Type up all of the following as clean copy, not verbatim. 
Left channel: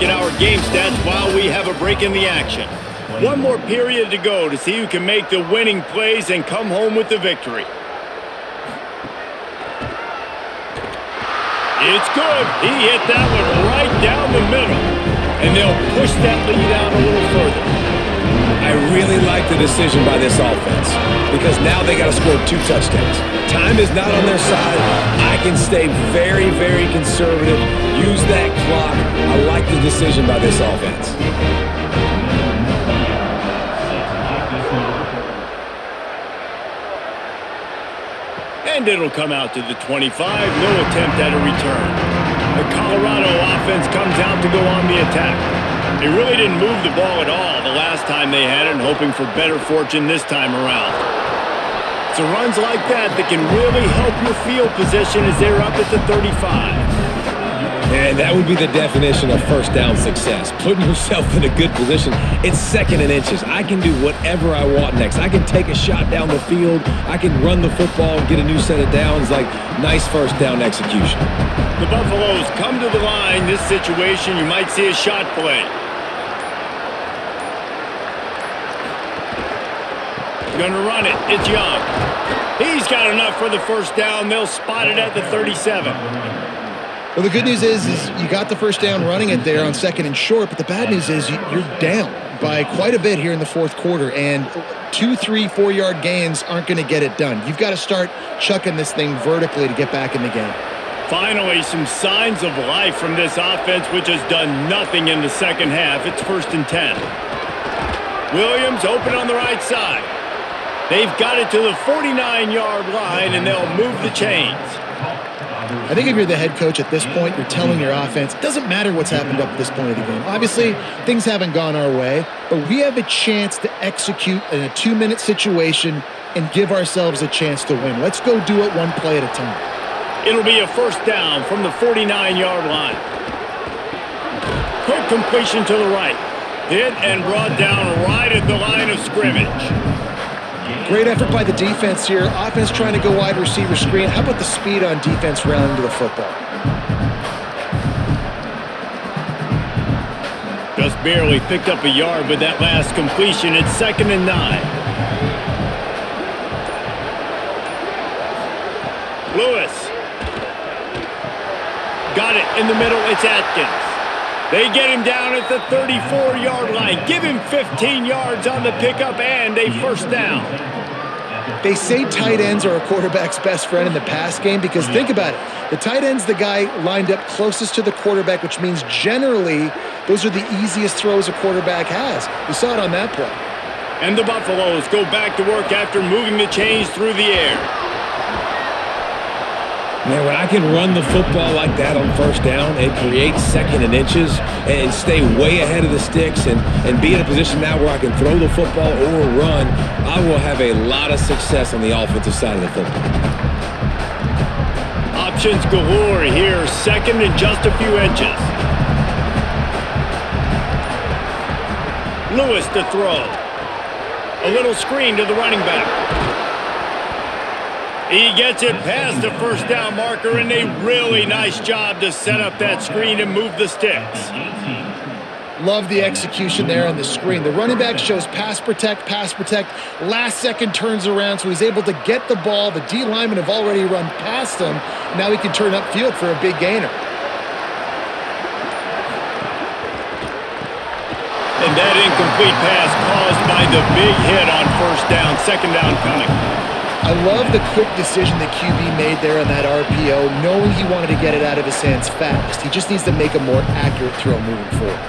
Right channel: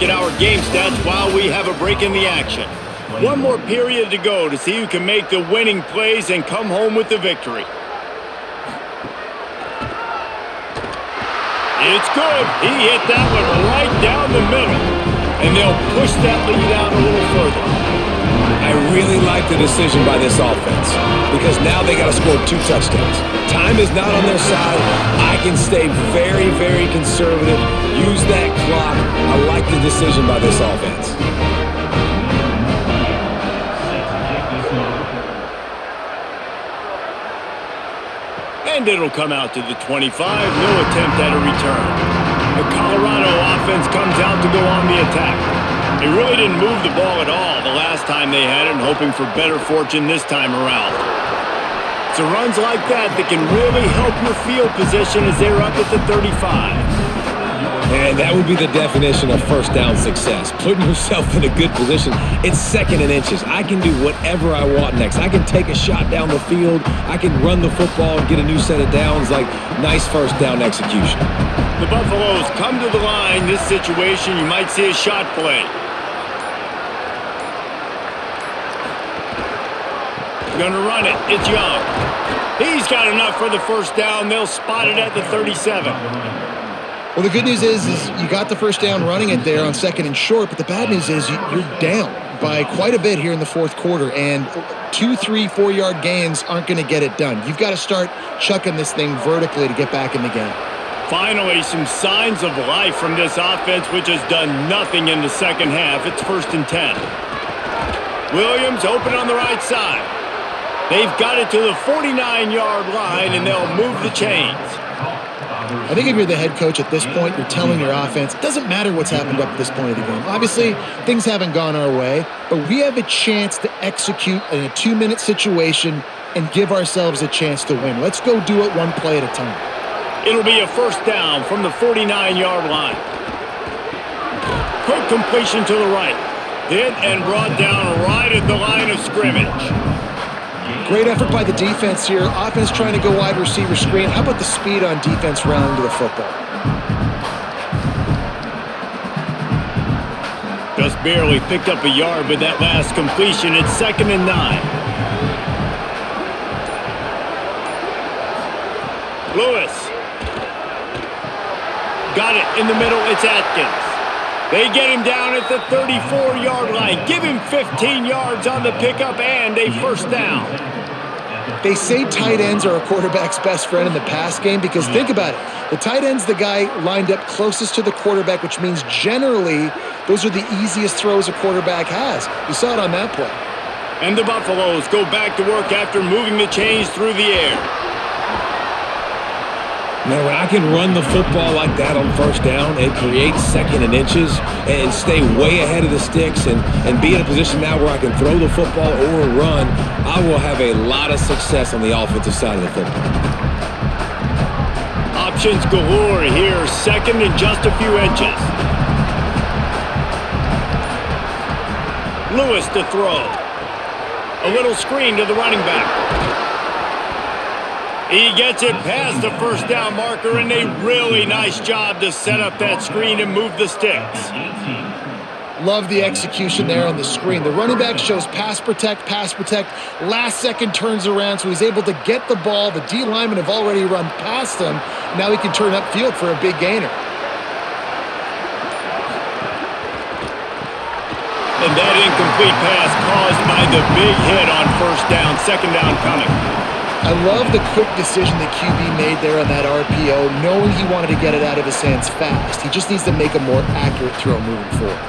At our game stats while we have a break in the action. One more period to go to see who can make the winning plays and come home with the victory. It's good. He hit that one right down the middle. And they'll push that lead out a little further. I really like the decision by this offense because now they got to score 2 touchdowns. Time is not on their side. I can stay very, very conservative. Use that clock. I like the decision by this offense. And it'll come out to the 25. No attempt at a return. The Colorado offense comes out to go on the attack. They really didn't move the ball at all the last time they had it, and hoping for better fortune this time around. It's the runs like that that can really help your field position as they're up at the 35. And that would be the definition of first down success. Putting yourself in a good position. It's 2nd and inches. I can do whatever I want next. I can take a shot down the field. I can run the football and get a new set of downs. Like, nice first down execution. The Buffaloes come to the line. This situation, you might see a shot play. Going to run it. It's Young. He's got enough for the first down. They'll spot it at the 37. Well, the good news is you got the first down running it there on 2nd and short, but the bad news is you're down by quite a bit here in the 4th quarter, and 2, 3, 4-yard gains aren't going to get it done. You've got to start chucking this thing vertically to get back in the game. Finally, some signs of life from this offense, which has done nothing in the second half. It's 1st and 10. Williams open on the right side. They've got it to the 49-yard line, and they'll move the chains. I think if you're the head coach at this point, you're telling your offense, it doesn't matter what's happened up to this point of the game. Obviously, things haven't gone our way, but we have a chance to execute in a 2-minute situation and give ourselves a chance to win. Let's go do it one play at a time. It'll be a first down from the 49-yard line. Quick completion to the right. Hit and brought down right at the line of scrimmage. Great effort by the defense here. Offense trying to go wide receiver screen. How about the speed on defense rallying to the football? Just barely picked up a yard with that last completion. It's 2nd and 9. Lewis. Got it in the middle. It's Atkins. They get him down at the 34-yard line. Give him 15 yards on the pickup and a first down. They say tight ends are a quarterback's best friend in the pass game because think about it. The tight end's the guy lined up closest to the quarterback, which means generally those are the easiest throws a quarterback has. You saw it on that play. And the Buffaloes go back to work after moving the chains through the air. Man, when I can run the football like that on first down, it creates 2nd and inches and stay way ahead of the sticks and be in a position now where I can throw the football or run, I will have a lot of success on the offensive side of the football. Options galore here, 2nd and just a few inches. Lewis to throw. A little screen to the running back. He gets it past the first down marker, and a really nice job to set up that screen and move the sticks. Love the execution there on the screen. The running back shows pass protect. Last second turns around, so he's able to get the ball. The D linemen have already run past him. And now he can turn upfield for a big gainer. And that incomplete pass caused by the big hit on first down. 2nd down coming. I love the quick decision that QB made there on that RPO, knowing he wanted to get it out of his hands fast. He just needs to make a more accurate throw moving forward.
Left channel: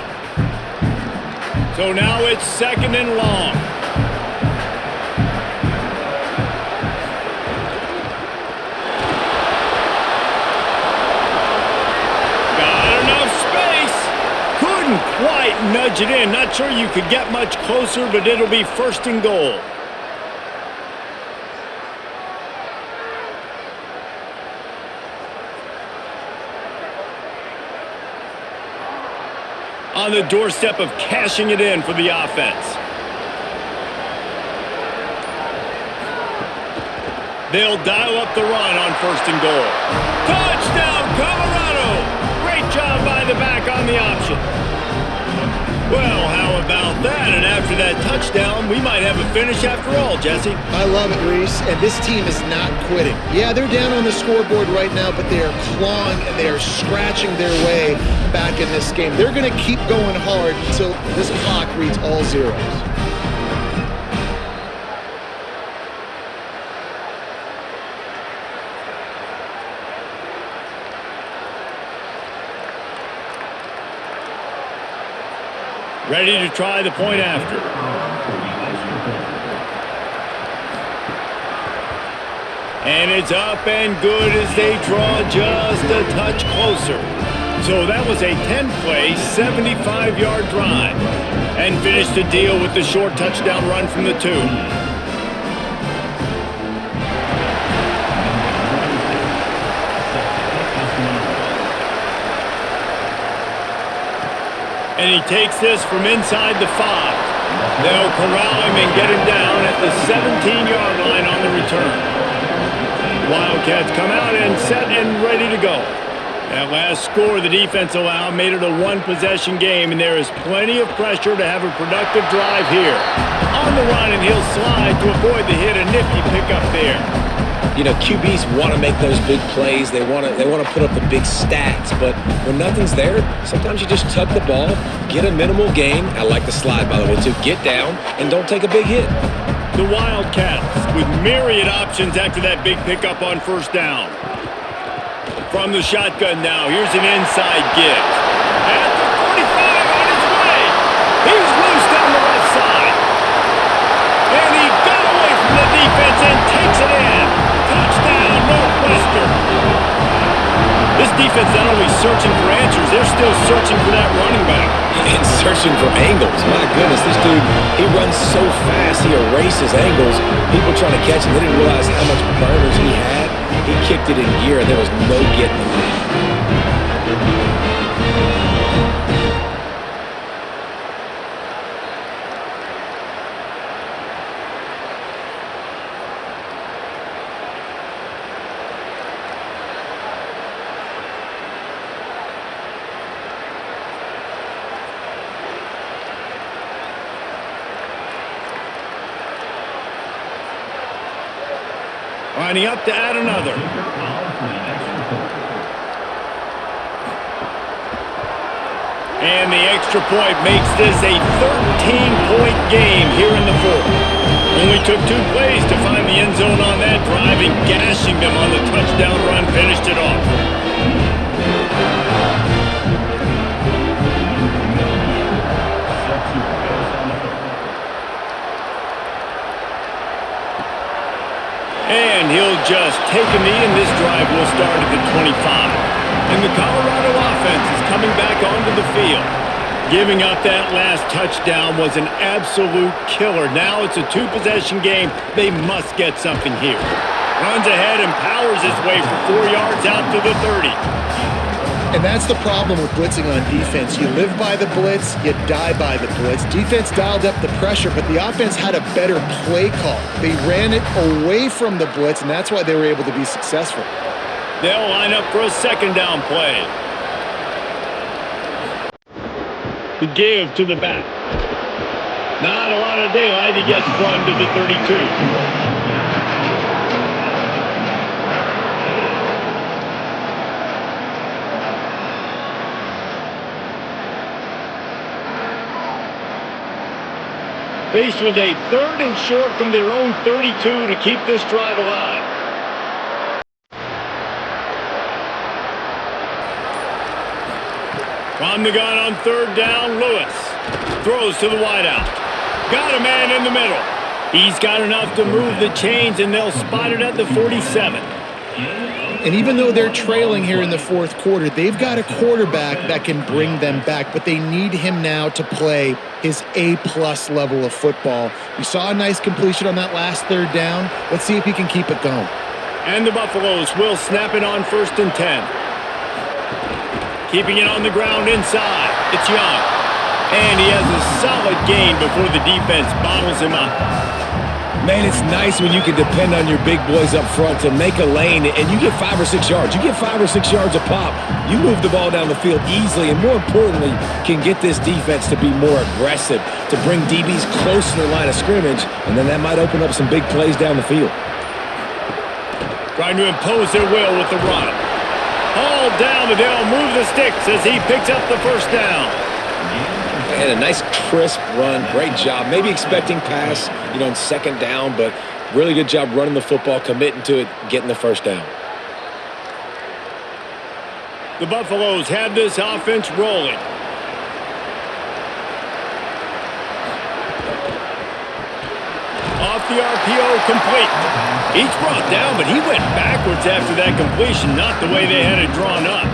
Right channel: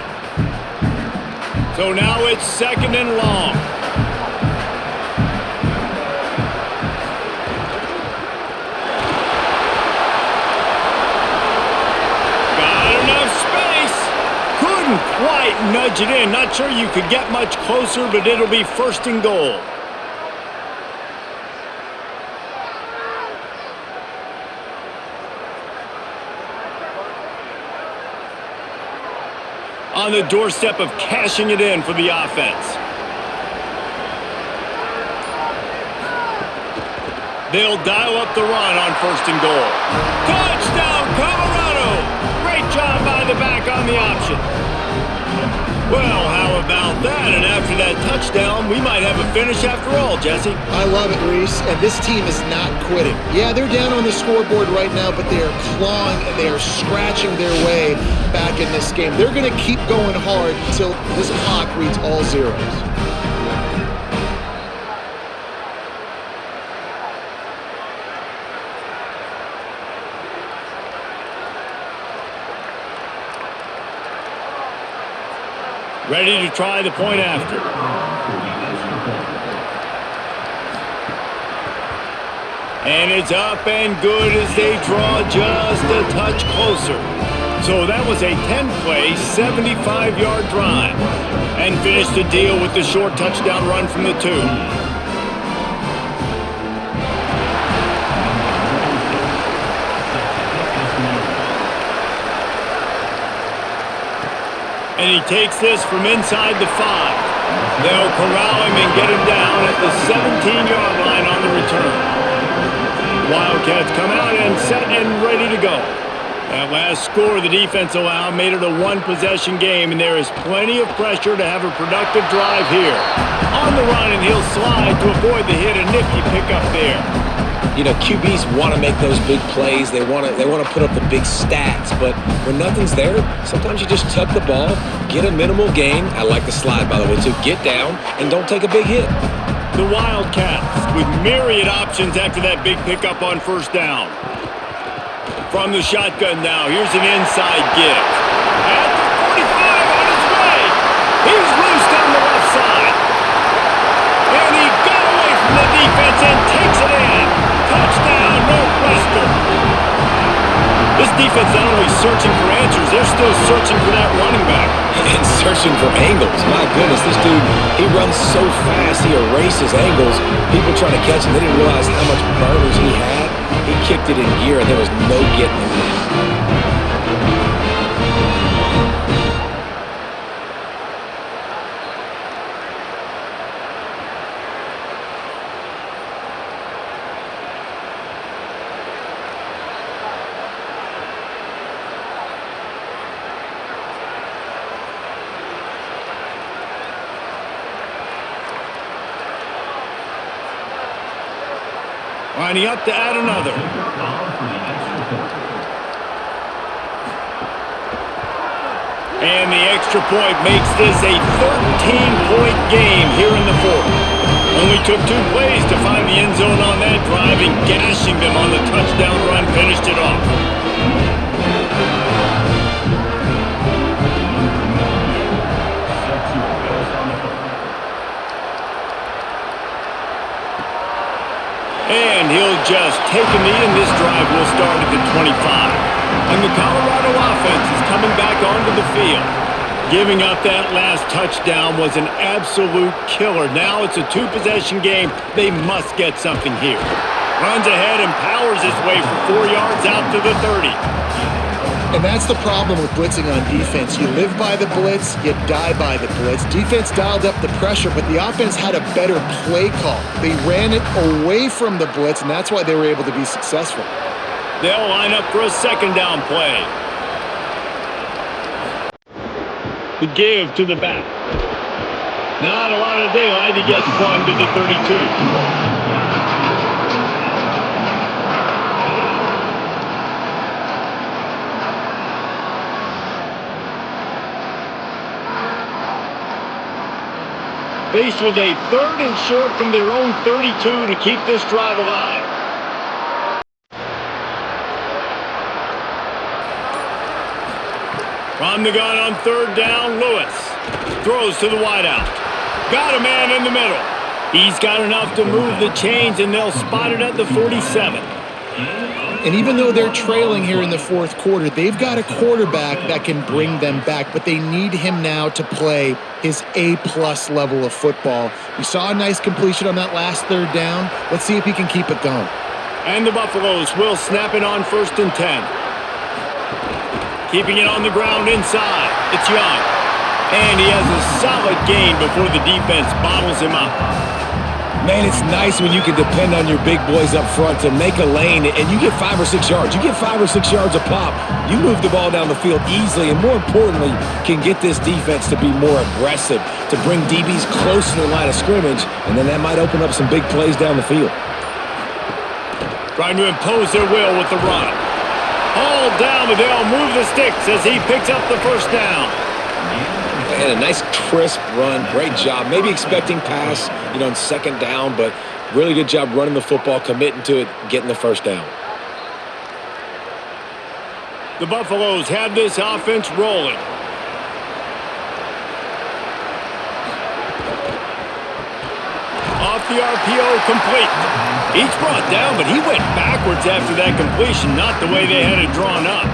So now it's 2nd and long. Got enough space. Couldn't quite nudge it in. Not sure you could get much closer, but it'll be 1st and goal. On the doorstep of cashing it in for the offense. They'll dial up the run on 1st and goal. Touchdown, Colorado! Great job by the back on the option. Well, how about that? And after that touchdown, we might have a finish after all, Jesse. I love it, Reese, and this team is not quitting. Yeah, they're down on the scoreboard right now, but they are clawing and they are scratching their way back in this game. They're going to keep going hard until this clock reads all zeros. Ready to try the point after. And it's up and good as they draw just a touch closer. So that was a 10-play, 75-yard drive. And finished the deal with the short touchdown run from the 2. And he takes this from inside the 5. They'll corral him and get him down at the 17-yard line on the return. Wildcats come out and set and ready to go. That last score the defense allowed made it a one-possession game, and there is plenty of pressure to have a productive drive here. On the run, and he'll slide to avoid the hit. A nifty pickup there. You know, QBs want to make those big plays. They want to put up the big stats. But when nothing's there, sometimes you just tuck the ball, get a minimal gain. I like the slide, by the way, too. Get down and don't take a big hit. The Wildcats with myriad options after that big pickup on first down. From the shotgun now, here's an inside give. At the 45 on his way. He's loose down the left side. And he got away from the defense and takes it in. Touchdown, Northwestern. This defense not only searching for answers, they're still searching for that running back. And searching for angles. My goodness, this dude, he runs so fast, he erases angles. People trying to catch him, they didn't realize how much burners he had. He kicked it in gear, and there was no getting him. Lining up to add another. And the extra point makes this a 13-point game here in the 4th. Only took 2 plays to find the end zone on that drive, and gashing them on the touchdown run finished it off. And he'll just take a knee, and this drive will start at the 25. And the Colorado offense is coming back onto the field. Giving up that last touchdown was an absolute killer. Now it's a 2-possession game. They must get something here. Runs ahead and powers his way for 4 yards out to the 30. And that's the problem with blitzing on defense. You live by the blitz, you die by the blitz. Defense dialed up the pressure, but the offense had a better play call. They ran it away from the blitz, and that's why they were able to be successful. They'll line up for a second down play. The give to the back. Not a lot of daylight. He gets one to the 32. Faced with a 3rd and short from their own 32 to keep this drive alive. From the gun on 3rd down, Lewis throws to the wideout. Got a man in the middle. He's got enough to move the chains, and they'll spot it at the 47. And even though they're trailing here in the 4th quarter, they've got a quarterback that can bring them back, but they need him now to play his A-plus level of football. We saw a nice completion on that last 3rd down. Let's see if he can keep it going. And the Buffaloes will snap it on 1st and 10. Keeping it on the ground inside. It's Young. And he has a solid gain before the defense bottles him up. Man, it's nice when you can depend on your big boys up front to make a lane and you get 5 or 6 yards. You get 5 or 6 yards a pop, you move the ball down the field easily and more importantly can get this defense to be more aggressive, to bring DBs close to the line of scrimmage, and then that might open up some big plays down the field. Trying to impose their will with the run. Hauled down, but they'll move the sticks as he picks up the first down. And a nice crisp run. Great job. Maybe expecting pass, in second down, but really good job running the football, committing to it, getting the first down. The Buffaloes have this offense rolling. Off the RPO, complete. Each brought down, but he went backwards after that completion, not the way they had it drawn up.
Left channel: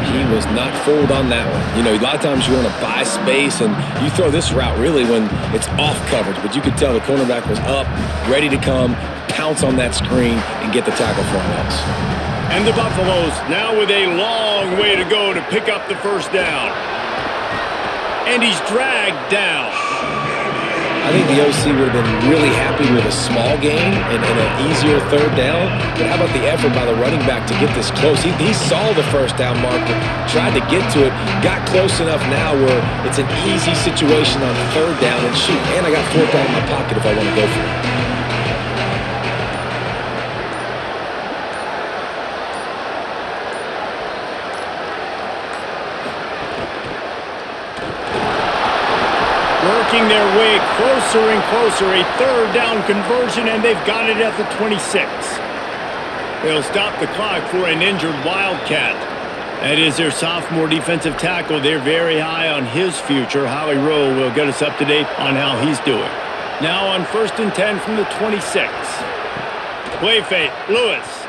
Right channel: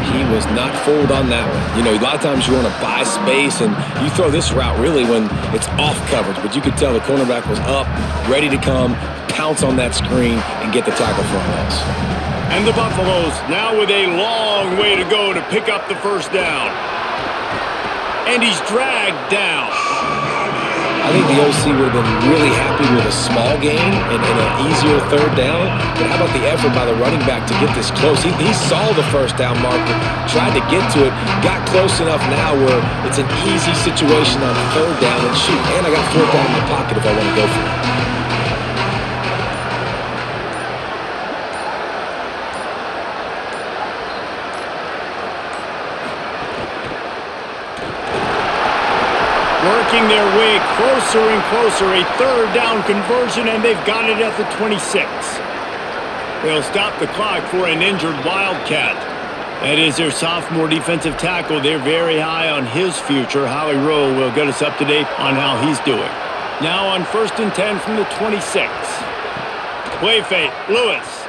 He was not fooled on that one. A lot of times you want to buy space, and you throw this route really when it's off coverage, but you could tell the cornerback was up, ready to come, pounce on that screen, and get the tackle for a loss. And the Buffaloes now with a long way to go to pick up the first down. And he's dragged down. I think the OC would have been really happy with a small gain and an easier third down. But how about the effort by the running back to get this close? He saw the first down marker, tried to get to it, got close enough now where it's an easy situation on third down. And shoot, and I got fourth down in my pocket if I want to go for it. Working their way closer and closer, a third down conversion, and they've got it at the 26. They'll stop the clock for an injured Wildcat. That is their sophomore defensive tackle. They're very high on his future. Holly Rowe will get us up to date on how he's doing. Now on 1st and 10 from the 26. Play fake, Lewis.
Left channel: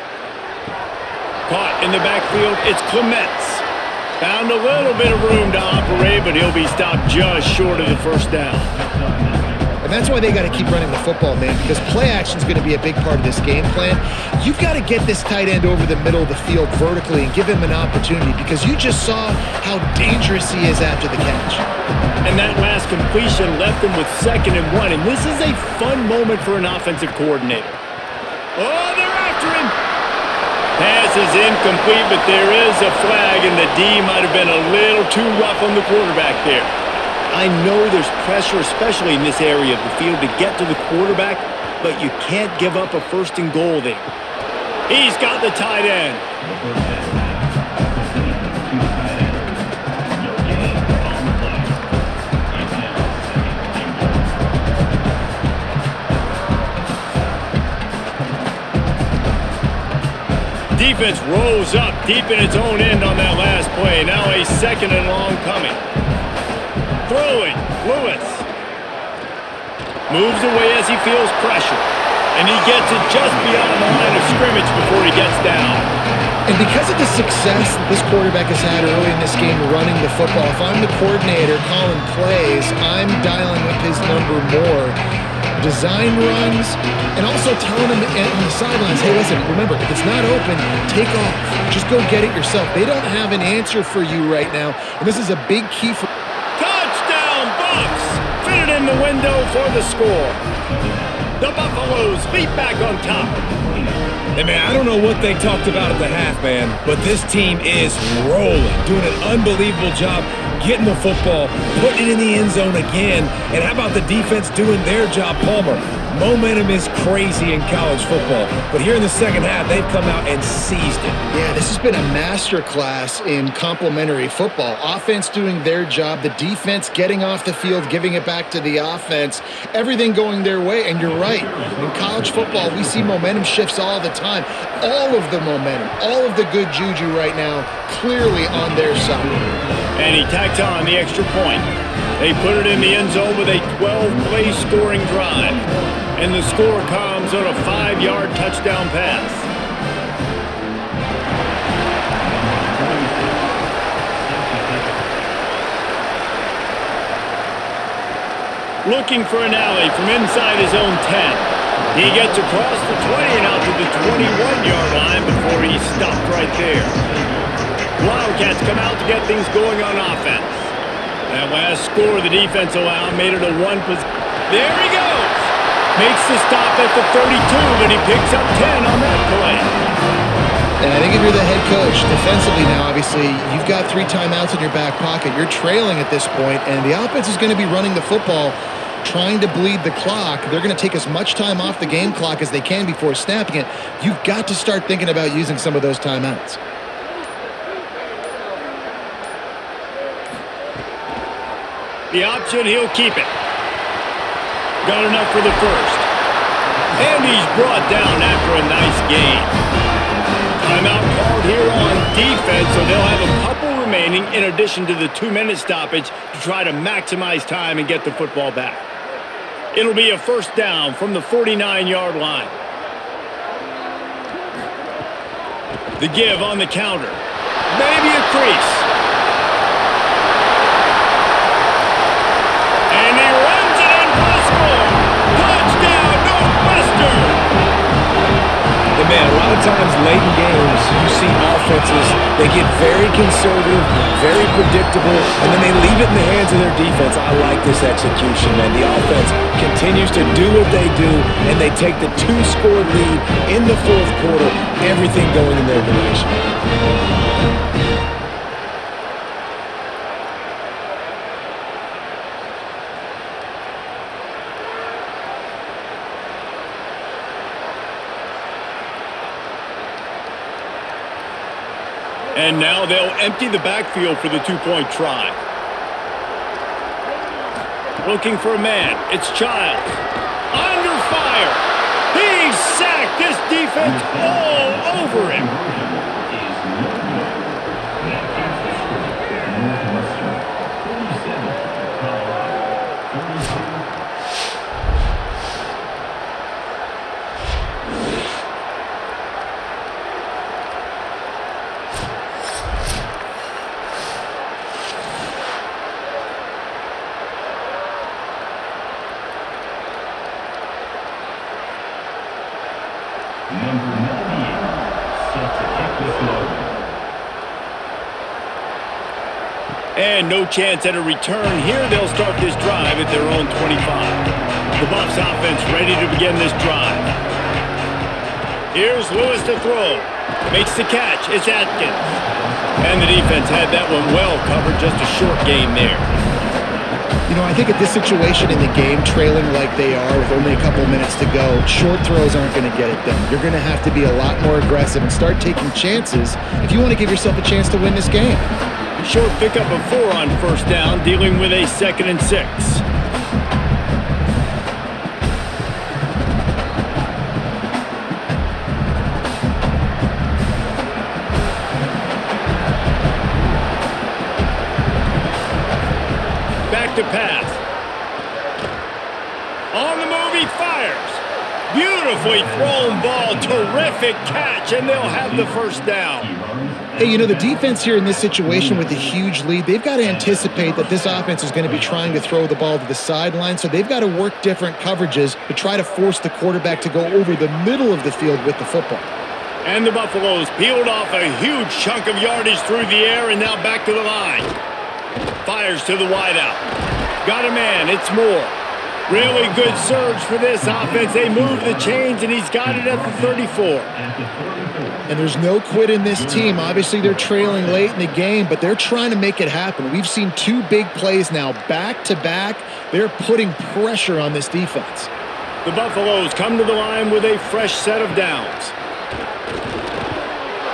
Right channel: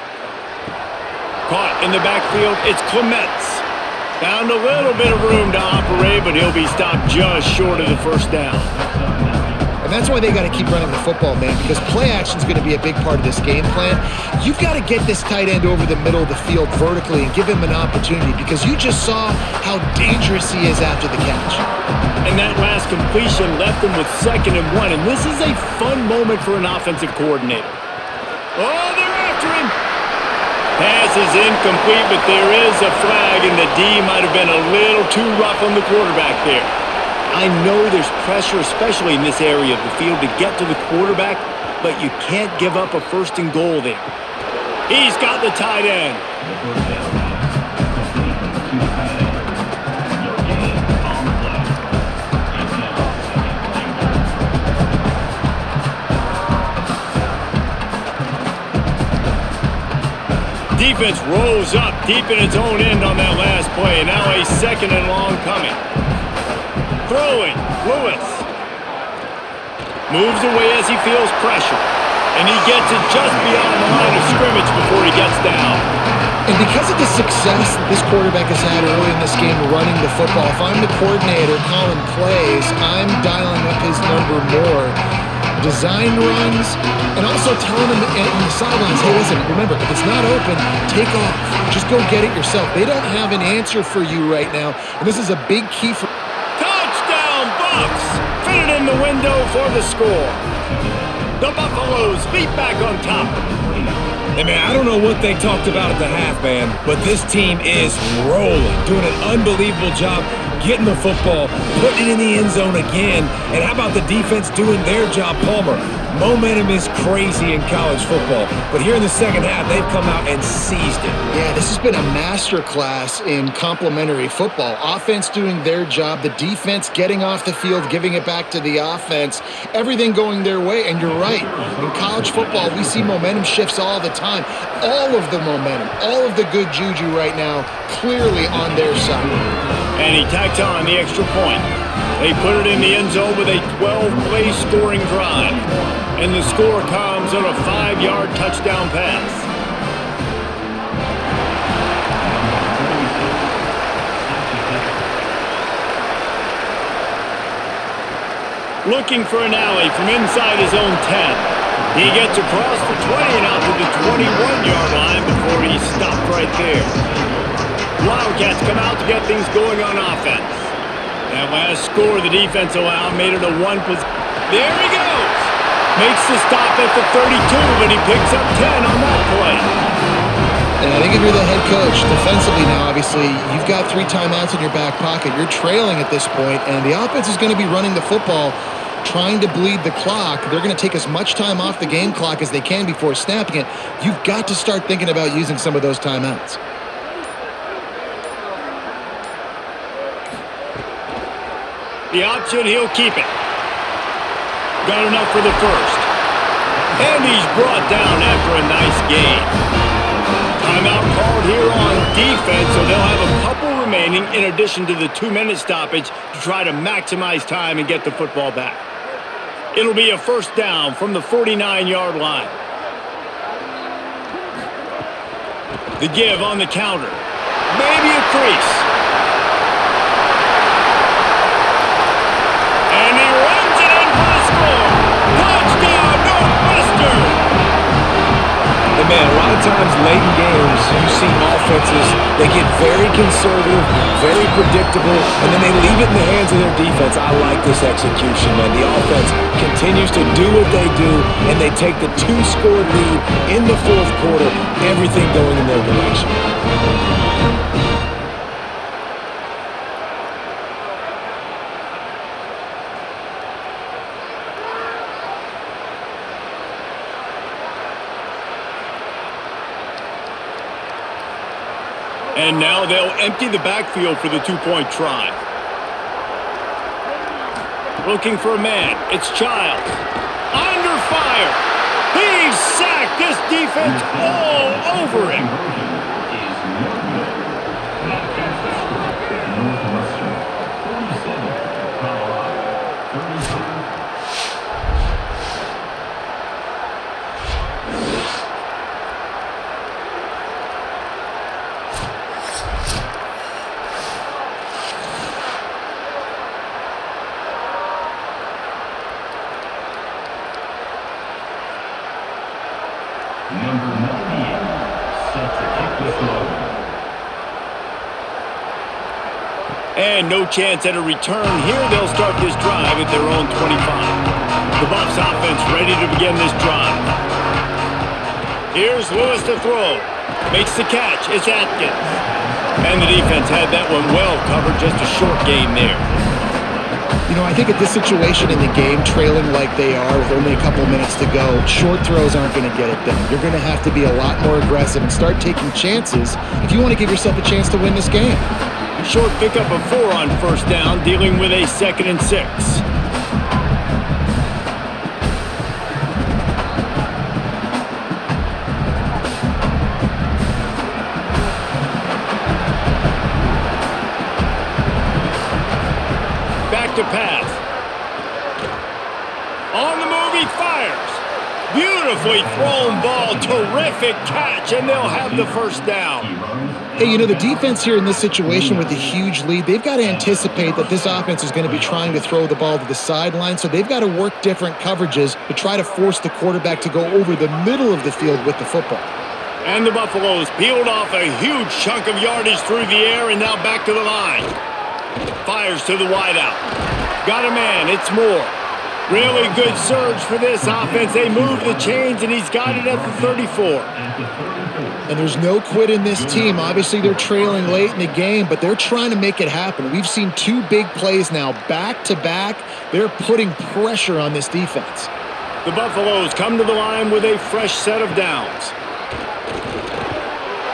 Caught in the backfield, it's Clements. Found a little bit of room to operate, but he'll be stopped just short of the first down. And that's why they got to keep running the football, man, because play action is going to be a big part of this game plan. You've got to get this tight end over the middle of the field vertically and give him an opportunity, because you just saw how dangerous he is after the catch. And that last completion left him with 2nd and 1, and this is a fun moment for an offensive coordinator. Oh, they're after him. Pass is incomplete, but there is a flag, and the D might have been a little too rough on the quarterback there. I know there's pressure, especially in this area of the field, to get to the quarterback, but you can't give up a 1st and goal there. He's got the tight end. The first down pass complete to the tight end. No gain on the play. It's now 2nd and goal. Defense rose up deep in its own end on that last play. Now a 2nd and long coming. Throwing, Lewis. Moves away as he feels pressure. And he gets it just beyond the line of scrimmage before he gets down. And because of the success that this quarterback has had early in this game running the football, if I'm the coordinator calling plays, I'm dialing up his number more. Design runs, and also telling them on the sidelines, hey, listen, remember, if it's not open, take off. Just go get it yourself. They don't have an answer for you right now, and this is a big key for... Touchdown, Buffs! Fitted in the window for the score. The Buffaloes leap back on top. Hey, man, I don't know what they talked about at the half, man, but this team is rolling, doing an unbelievable job getting the football, putting it in the end zone again. And how about the defense doing their job, Palmer? Momentum is crazy in college football, but here in the second half, they've come out and seized it. Yeah, this has been a masterclass in complementary football. Offense doing their job, the defense getting off the field, giving it back to the offense, everything going their way. And you're right, in college football, we see momentum shifts all the time. All of the momentum, all of the good juju right now, clearly on their side. And he tacks on the extra point. They put it in the end zone with a 12-play scoring drive. And the score comes on a 5-yard touchdown pass. Looking for an alley from inside his own 10. He gets across the 20 and out to the 21-yard line before he's stopped right there. Wildcats come out to get things going on offense. That last score the defense allowed made it a 1 position. There he goes! Makes the stop at the 32, but he picks up 10 on that play. And I think if you're the head coach, defensively now, obviously, you've got 3 timeouts in your back pocket. You're trailing at this point, and the offense is going to be running the football, trying to bleed the clock. They're going to take as much time off the game clock as they can before snapping it. You've got to start thinking about using some of those timeouts. The option, he'll keep it. Got enough for the first. And he's brought down after a nice gain. Timeout called here on defense, so they'll have a couple remaining in addition to the 2-minute stoppage to try to maximize time and get the football back. It'll be a first down from the 49-yard line. The give on the counter. Maybe a crease. And he runs it in for the score. Touchdown, Northwestern! And man, a lot of times late in games, you see offenses, they get very conservative, very predictable, and then they leave it in the hands of their defense. I like this execution, man. The offense continues to do what they do, and they take the 2-score lead in the fourth quarter, everything going in their direction. And now they'll empty the backfield for the 2-point try. Looking for a man. It's Childs. Under fire. He's sacked. This defense all over him. Is no good. That is the score. Northwestern 47, Colorado 35. Number 98, set to kick this load. And no chance at a return here. They'll start this drive at their own 25. The Buffs offense ready to begin this drive. Here's Lewis to throw. Makes the catch. It's Atkins. And the defense had that one well covered. Just a short gain there. You know, I think at this situation in the game, trailing like they are with only a couple minutes to go, short throws aren't going to get it done. You're going to have to be a lot more aggressive and start taking chances if you want to give yourself a chance to win this game. Short pickup of 4 on first down, dealing with a 2nd and 6. Back to pass. On the move, he fires. Beautifully thrown ball. Terrific catch, and they'll have the first down. Hey, you know, the defense here in this situation with a huge lead, they've got to anticipate that this offense is going to be trying to throw the ball to the sideline, so they've got to work different coverages to try to force the quarterback to go over the middle of the field with the football. And the Buffaloes peeled off a huge chunk of yardage through the air and now back to the line. Fires to the wideout. Got a man. It's Moore. Really good surge for this offense. They move the chains, and he's got it at the 34. And there's no quit in this team. Obviously, they're trailing late in the game, but they're trying to make it happen. We've seen 2 big plays now back-to-back. They're putting pressure on this defense. The Buffaloes come to the line with a fresh set of downs.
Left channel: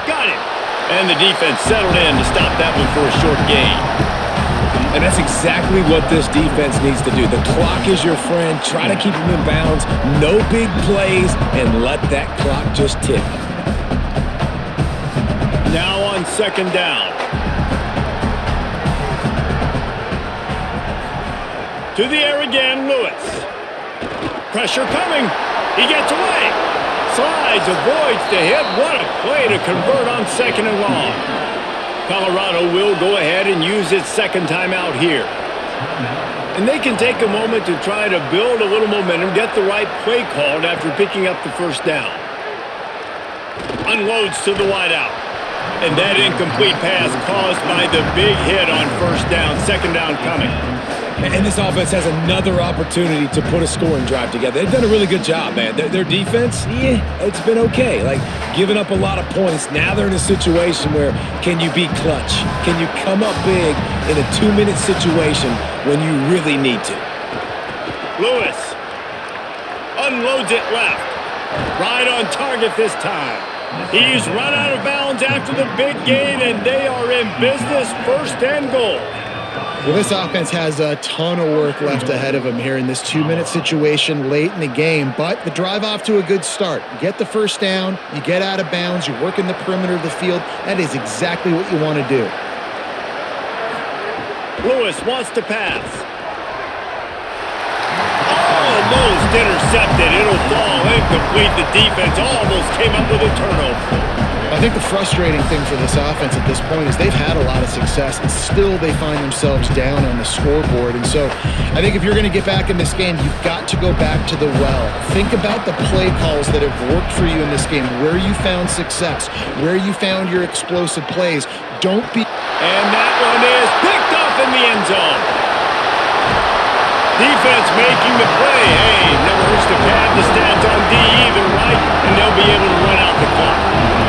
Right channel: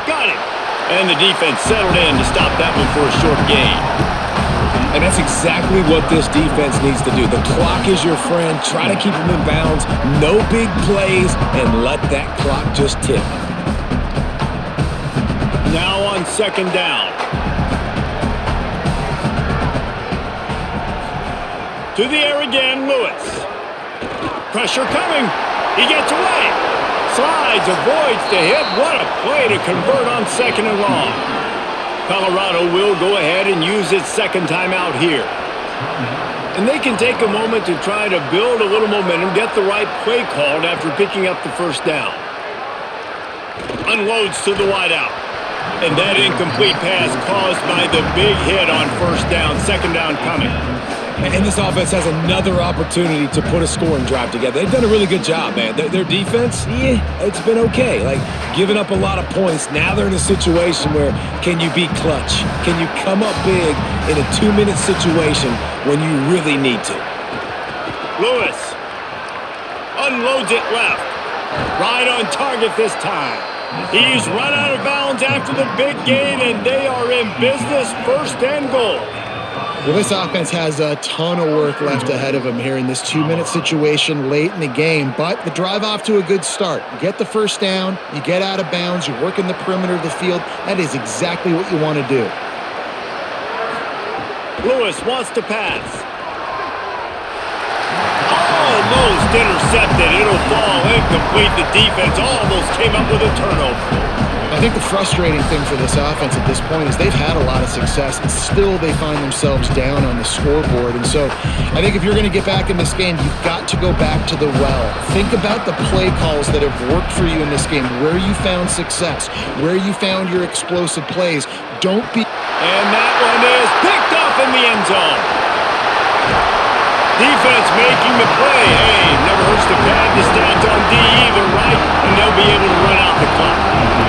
Got it. And the defense settled in to stop that one for a short gain. And that's exactly what this defense needs to do. The clock is your friend. Try to keep them in bounds. No big plays, and let that clock just tick. Now on 2nd down. To the air again, Lewis. Pressure coming. He gets away. Slides, avoids the hit. What a play to convert on 2nd and long. Colorado will go ahead and use its 2nd timeout here. And they can take a moment to try to build a little momentum, get the right play called after picking up the first down. Unloads to the wideout. And that incomplete pass caused by the big hit on first down. 2nd down coming. And this offense has another opportunity to put a scoring drive together. They've done a really good job, man. Their defense, it's been okay. Like, giving up a lot of points. Now they're in a situation where can you be clutch? Can you come up big in a 2-minute situation when you really need to? Lewis unloads it left. Right on target this time. He's run out of bounds after the big gain, and they are in business, 1st and goal. Well, this offense has a ton of work left ahead of them here in this 2-minute situation late in the game, but the drive off to a good start. You get the first down, you get out of bounds, you work in the perimeter of the field. That is exactly what you want to do. Lewis wants to pass. Almost intercepted. It'll fall incomplete. The defense almost came up with a turnover. I think the frustrating thing for this offense at this point is they've had a lot of success, and still they find themselves down on the scoreboard. And so I think if you're going to get back in this game, you've got to go back to the well. Think about the play calls that have worked for you in this game, where you found success, where you found your explosive plays. Don't be... And that one is picked off in the end zone. Defense making the play. Hey, never hurts to pad the stats on D either, right? And they'll be able to run out the clock.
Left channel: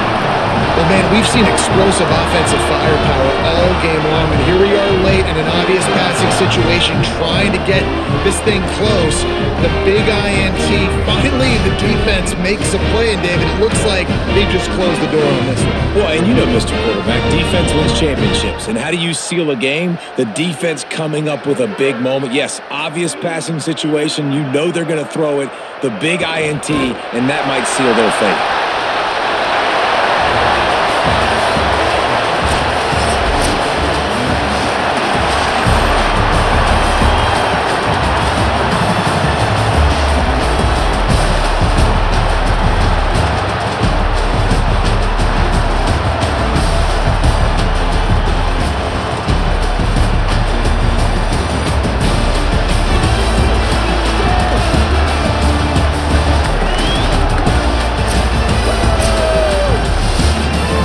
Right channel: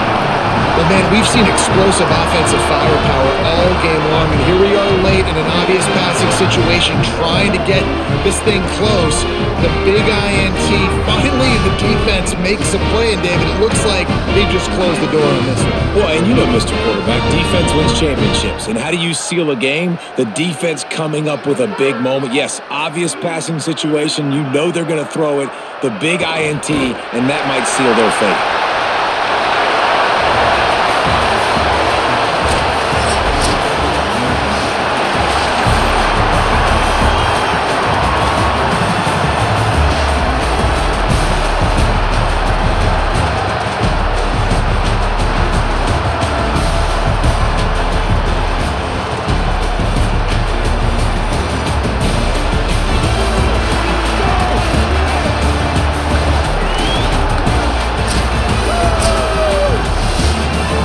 Well, man, we've seen explosive offensive firepower all game long, and here we are late in an obvious passing situation trying to get this thing close. The big INT, finally the defense makes a play, and David, it looks like they just closed the door on this one. Well, and you know, Mr. Quarterback, defense wins championships. And how do you seal a game? The defense coming up with a big moment. Yes, obvious passing situation. You know they're going to throw it. The big INT, and that might seal their fate.